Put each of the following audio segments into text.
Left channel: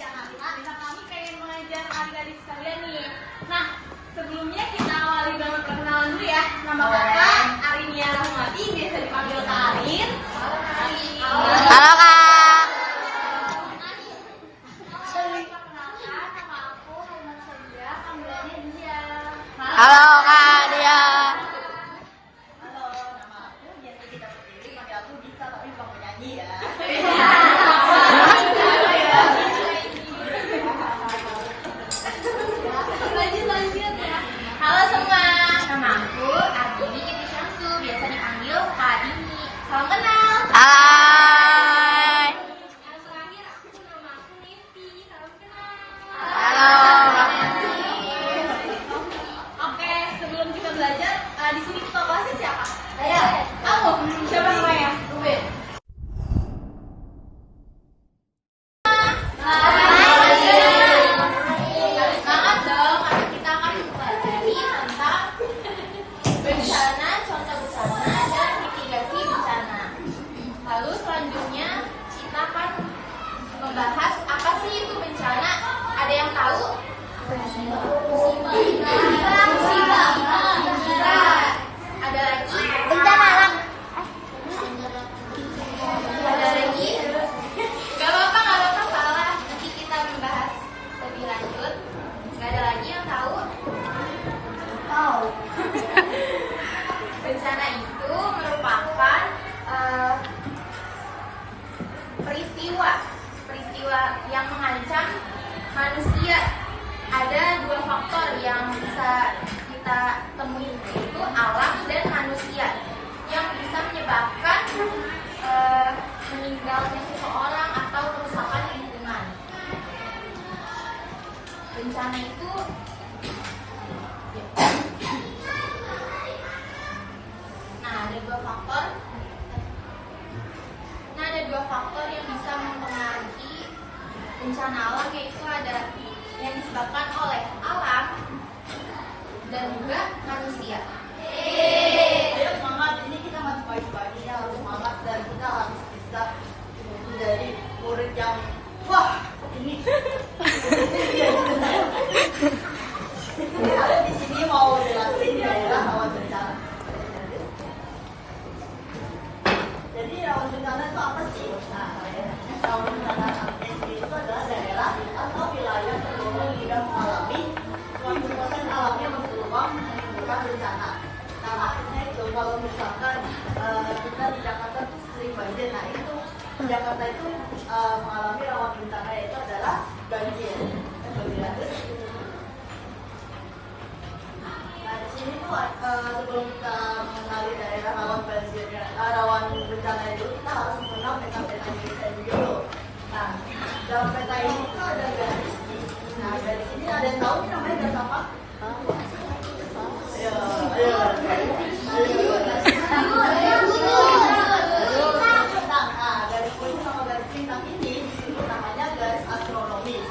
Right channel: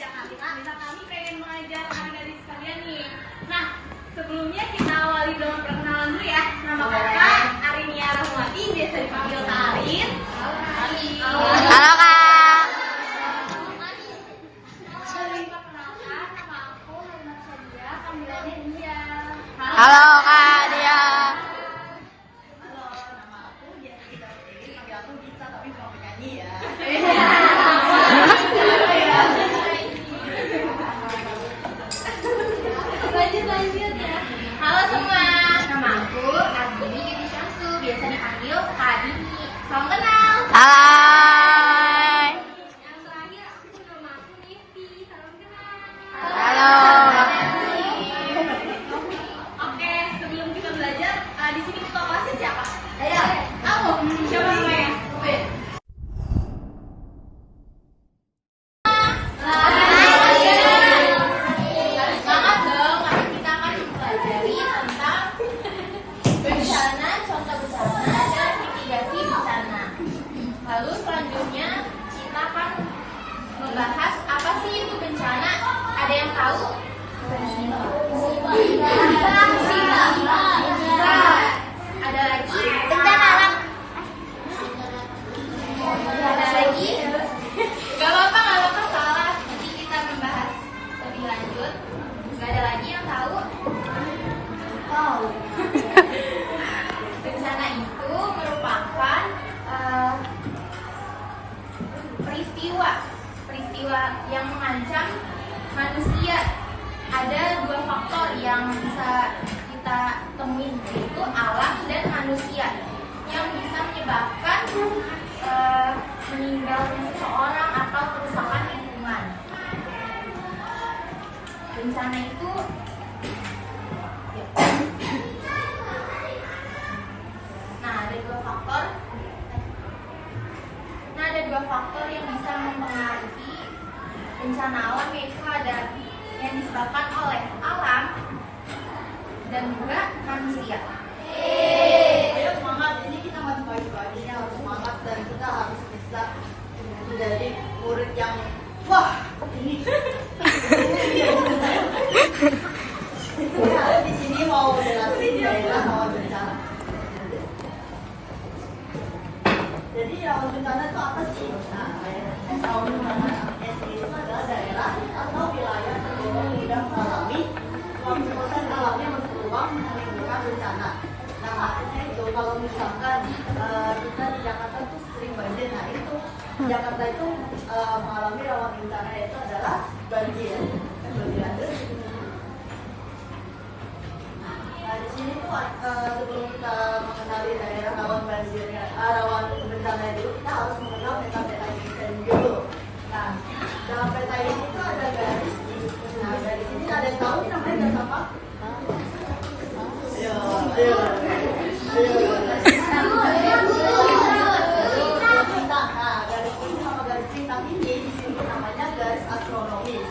Nah, kami pengen mengajar adik-adik sekalian nih. Nah, sebelumnya kita awali dengan perkenalan dulu ya. Nama kakak Arinia Rahmawati, biasa dipanggil Kak Arin. Halo Kak. Halo Kak. Halo Kak Dia. Halo, nama aku biasa kita pilih panggil aku Dita, tapi bukan penyanyi ya. Lanjut ya. Halo semua, nama aku Ardini Yudi Syamsu, biasa dipanggil Kak Dini. Salam kenal. Hai. Yang terakhir nama aku Nevi. Salam kenal. Halo. Oke, sebelum kita belajar, di sini ketua kelasnya siapa? Saya. Kamu? Siapa namanya? Ubed. Semangat dong, karena kita akan mempelajari tentang bencana, contoh bencana, dan mitigasi bencana. Lalu selanjutnya kita akan membahas apa sih itu bencana. Ada yang tahu? Ada lagi? Ada lagi? Gak apa-apa, salah. Nanti kita membahas lebih lanjut. Gak ada lagi yang tahu? Tahu. Bencana itu merupakan peristiwa yang mengancam manusia. Ada dua faktor yang bisa kita temuin, yaitu alam dan manusia, yang bisa menyebabkan meninggalnya seseorang atau kerusakan lingkungan. Bencana itu ada dua faktor yang bisa mempengaruhi bencana alam, yaitu ada yang disebabkan oleh alam dan juga manusia. Ayo semangat, ini kita masih pagi-pagi, harus semangat dan kita harus bisa menjadi murid yang wah ini. Saya di sini mau jelasin daerah rawan bencana. Jadi rawan bencana itu apa sih? Nah, rawan bencana SD itu adalah daerah atau wilayah tergolong mudah mengalami suatu proses alamnya berpeluang menimbulkan bencana. Nah, maksudnya itu kalau misalkan kita di Jakarta tuh sering banjir, nah itu Jakarta itu mengalami rawan bencana, yaitu adalah banjir. Nah, di sini tuh sebelum kita mengenali daerah rawan banjirnya, rawan bencana itu, kita harus mengenal peta-peta kita dulu. Nah, dalam peta ini tuh ada garis. Nah, garis ini ada yang tahu nih namanya garis apa? Ayo. Nah, garis kuning sama garis bintang ini disebut namanya garis astronomis.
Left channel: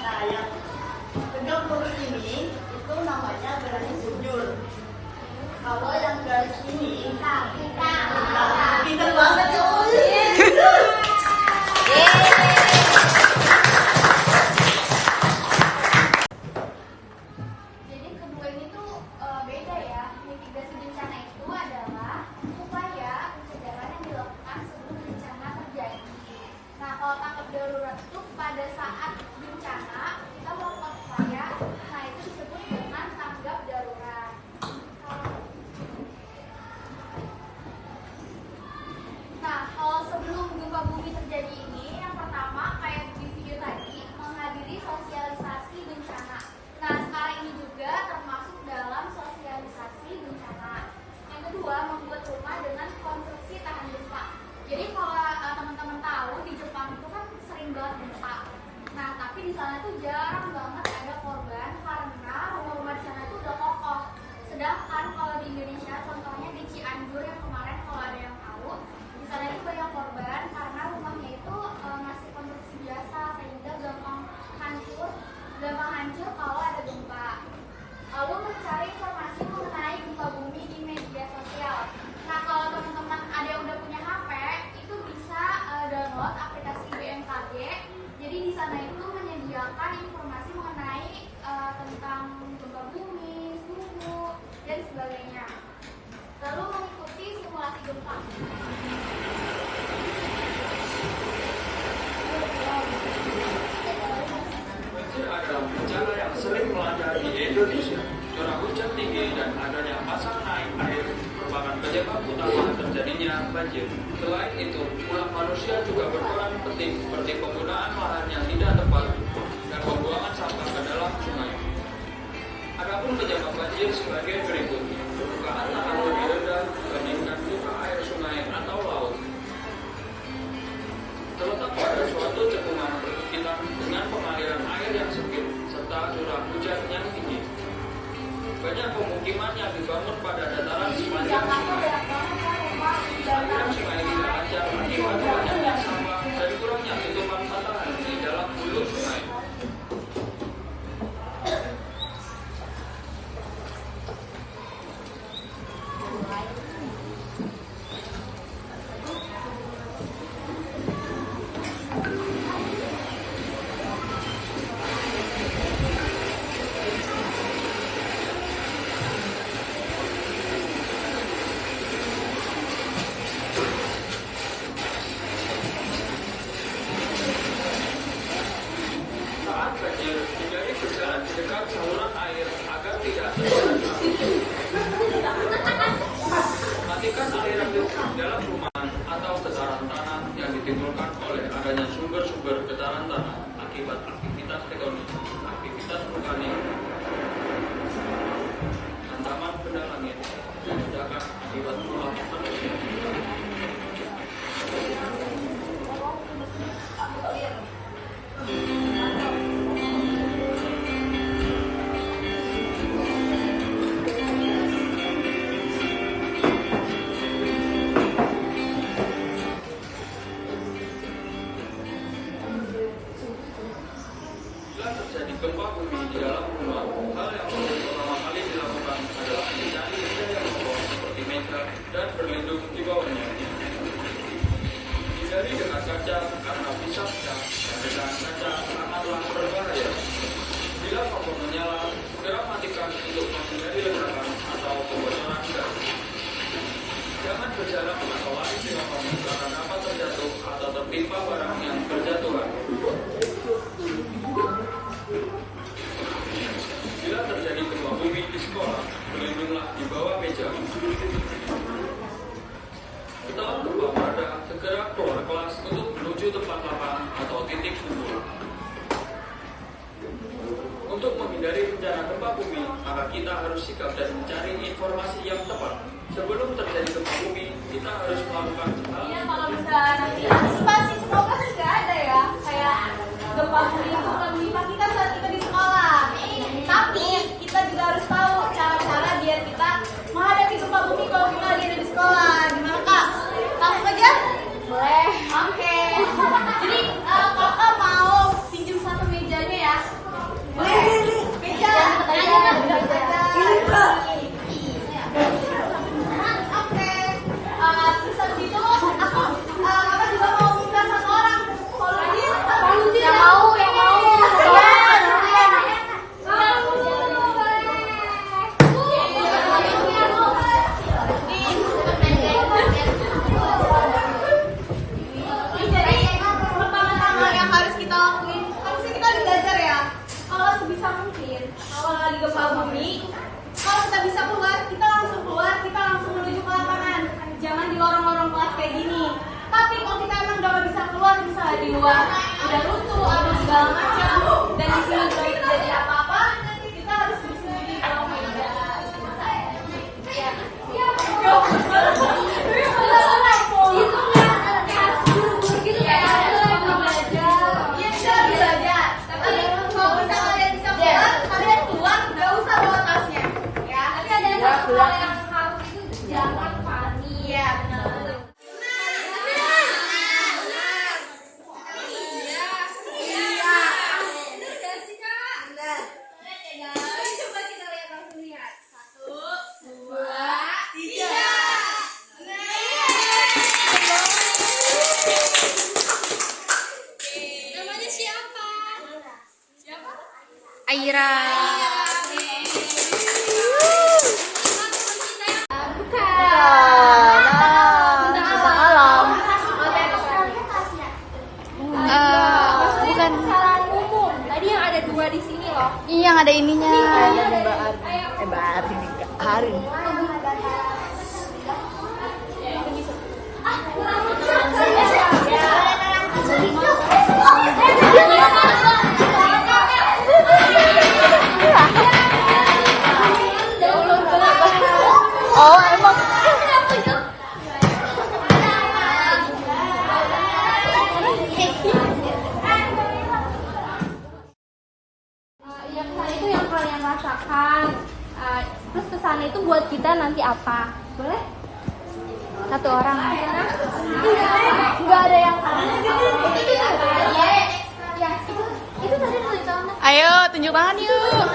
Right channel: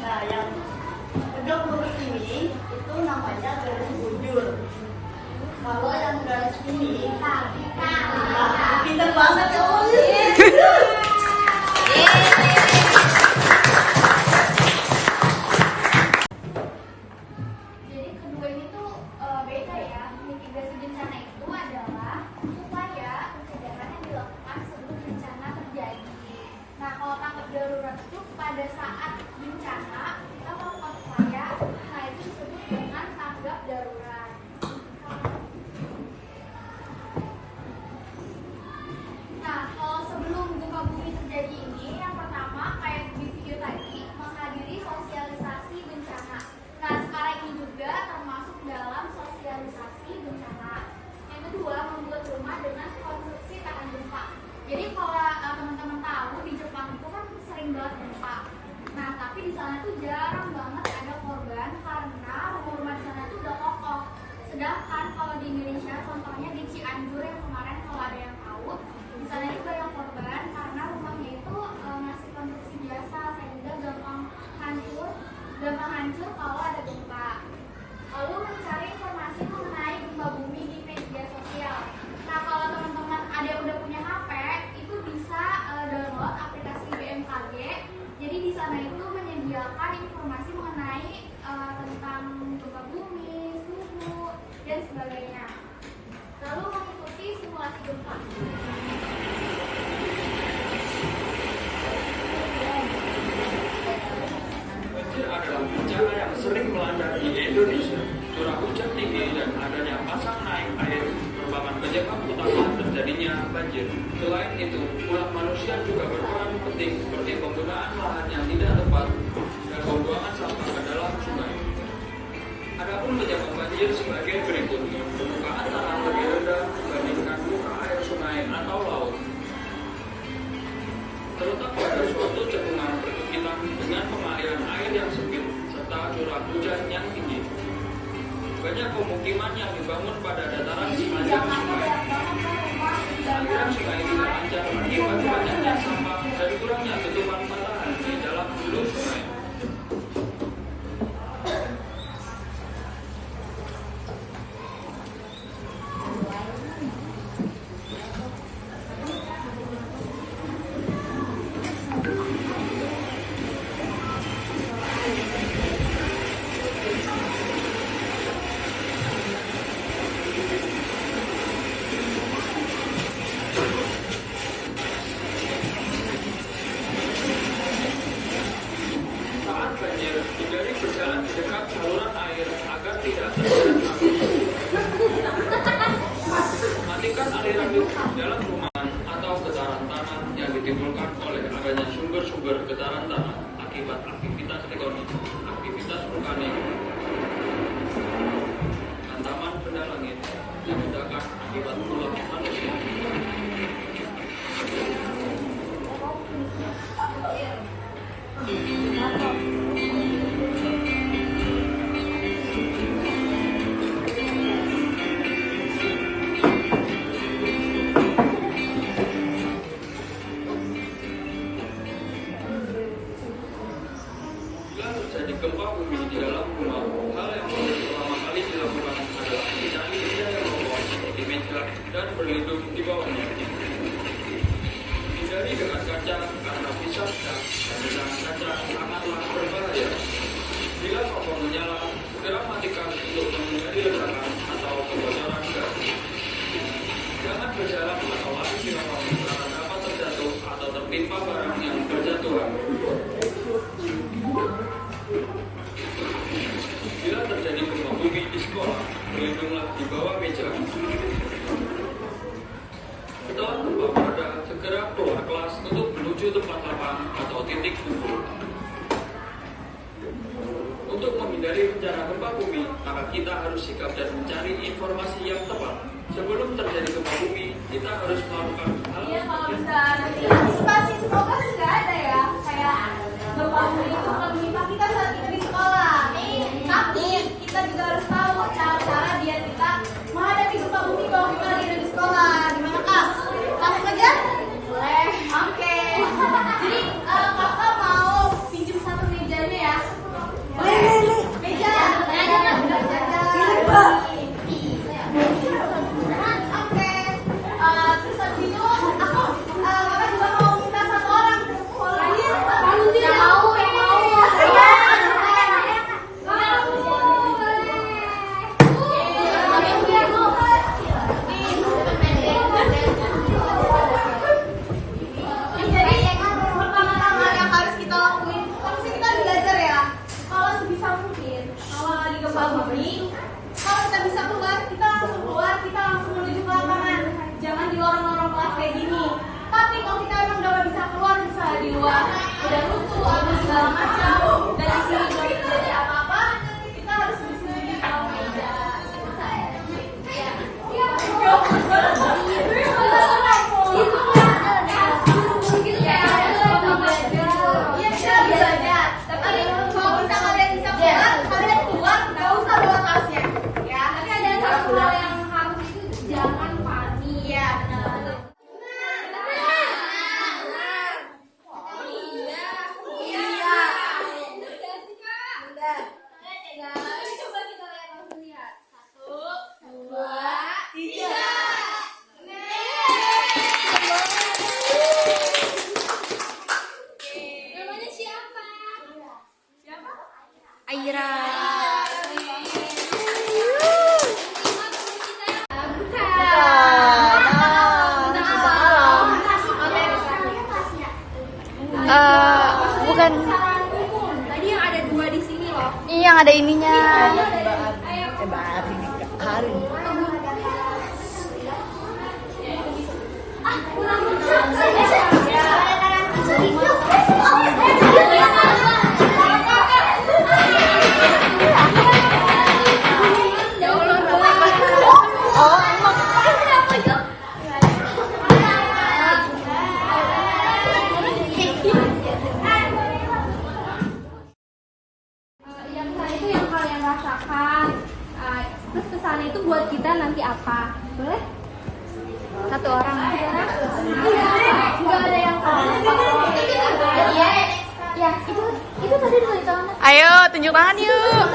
Nah, yang tegak lurus ini itu namanya garis bujur. Kalau yang garis ini, pinter banget ya Allah. Jadi kedua ini tuh beda ya. Mitigasi bencana itu adalah upaya pencegahan yang dilakukan sebelum bencana terjadi. Nah, kalau tanggap darurat itu pada saat bencana kita melakukan upaya, nah itu disebut dengan tanggap darurat. Nah, kalau sebelum gempa bumi terjadi ini, yang pertama kayak di video tadi, menghadiri sosialisasi bencana. Nah, sekarang ini juga termasuk dalam sosialisasi bencana. Yang kedua, membuat rumah dengan konstruksi tahan gempa. Jadi kalau teman-teman tahu di Jepang itu kan sering banget gempa. Nah, tapi di sana tuh jarang banget ada korban karena rumah-rumah di sana tuh udah kokoh. Sedangkan kalau di Indonesia, contohnya di Cianjur yang kemarin kalau ada yang tahu, di sana itu banyak korban karena rumahnya itu ngasih konstruksi biasa sehingga gampang hancur kalau ada gempa. Lalu mencari informasi mengenai gempa bumi di media sosial. Nah, kalau teman-teman ada yang udah punya HP, itu bisa download aplikasi BMKG. Jadi di sana itu menyediakan menyediakan informasi mengenai tentang gempa bumi, suhu, dan sebagainya. Lalu mengikuti simulasi gempa. Banjir adalah bencana yang sering melanda di Indonesia. Curah hujan tinggi dan adanya pasang naik air merupakan penyebab utama terjadinya banjir. Selain itu, ulah manusia juga berperan penting seperti penggunaan lahan yang tidak tepat dan pembuangan sampah ke dalam sungai. Adapun penyebab banjir sebagai berikut: permukaan tanah lebih rendah dibandingkan muka air sungai atau laut. Terletak pada suatu cekungan perbukitan dengan pengaliran air yang sempit serta curah hujan yang tinggi. Banyak pemukiman yang dibangun pada dataran sepanjang sungai. Aliran sungai tidak lancar akibat banyaknya sampah dan kurangnya tutupan patahan di dalam hulu sungai. Saat banjir, hindari berjalan di dekat saluran air agar tidak terjadi arus. Matikan aliran listrik di dalam rumah atau getaran tanah yang ditimbulkan oleh adanya sumber-sumber getaran tanah akibat aktivitas tektonik, aktivitas vulkanik, hantaman benda langit, dan ledakan akibat ulah manusia. Bila terjadi gempa bumi di dalam rumah, hal yang pertama kali dilakukan adalah mencari benda yang kokoh seperti meja dan berlindung di bawahnya. Hindari dengan kaca karena bisa pecah dan dengan kaca sangatlah berbahaya. Bila kompor menyala, segera matikan untuk menghindari ledakan atau kebocoran gas. Jangan berjalan atau lari di lokasi karena dapat terjatuh atau tertimpa barang yang berjatuhan. Bila terjadi gempa bumi di sekolah, berlindunglah di bawah meja. Setelah gempa mereda, segera keluar kelas untuk menuju tempat lapang atau titik kumpul. Untuk menghindari bencana gempa bumi, maka kita harus sikap dan mencari informasi yang tepat. Sebelum terjadi gempa bumi, kita harus melakukan hal. Iya, kalau bisa nanti antisipasi semoga sudah ada ya, kayak gempa bumi kita saat kita di sekolah. Tapi kita juga harus tahu cara-cara biar kita menghadapi gempa bumi kalau kita lagi ada di sekolah. Gimana kak? Langsung aja? Boleh. Oke. Jadi kakak mau pinjam satu mejanya ya? Boleh. Meja. Ayo kan belajar. Oke. Terus habis itu aku kakak juga mau minta satu orang. Kalau dia mau yang mau. Gempa bumi, kalau kita bisa keluar, kita langsung menuju ke lapangan. Jangan di lorong-lorong kelas kayak gini. Tapi kalau kita emang udah gak bisa keluar, misalnya di luar udah runtuh atau segala macam, dan di sini terjadi apa-apa, kita harus bersembunyi kalau tidak. Jangan panik ya, benar. Iya. Aira. Bukan. Tadi yang ada 2 di sini loh. Iya, yang ada ininya. Hebat ini hari. Oh, emang. Yang pesan itu yang kalian rasakan. Terus pesannya itu buat kita nanti apa? Boleh? Satu orang. Nggak ada yang kalah. Ya, itu tadi dari kamu. Ayo, tunjuk tangan yuk.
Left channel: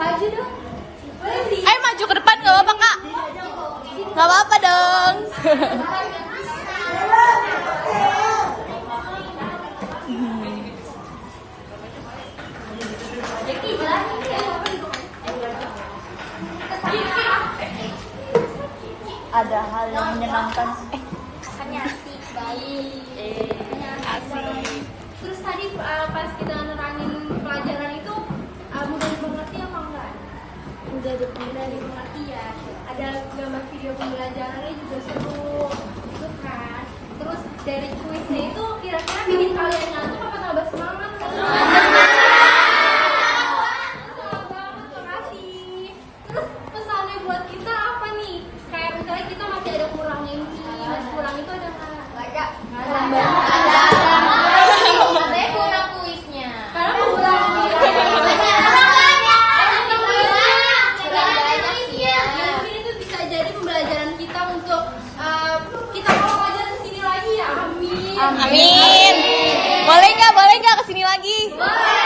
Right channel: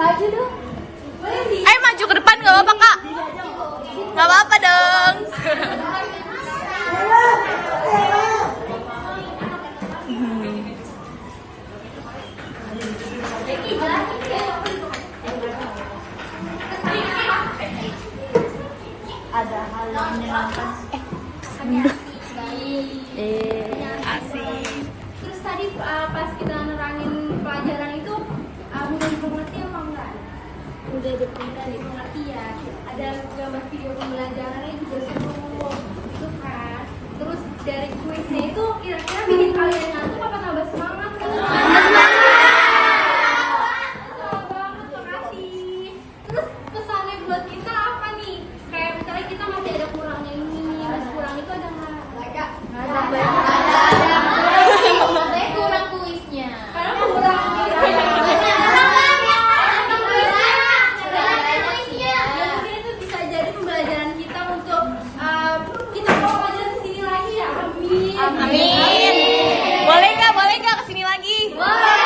Maju dong. Ayo maju ke depan, gak apa-apa kak. Gak apa-apa dong. Ada hal yang menyenangkan. Asik. Terus tadi pas kita nerangin pelajaran itu mudah dimengerti apa enggak? Mudah dimengerti ya. Ada gambar video pembelajarannya juga seru, gitu kan. Terus dari kuisnya itu kira-kira bikin kalian ngantuk apa nambah semangat? Makasih. Terus pesannya buat kita apa nih? Kayak misalnya kita masih ada kurangnya ini, masih kurang itu ada nggak? Nggak ada. Saya kurang kuisnya. Karena kurang mungkin itu bisa jadi pembelajaran kita untuk kita mau belajar di sini lagi ya. Amin. Amin. Boleh nggak kesini lagi? Boleh.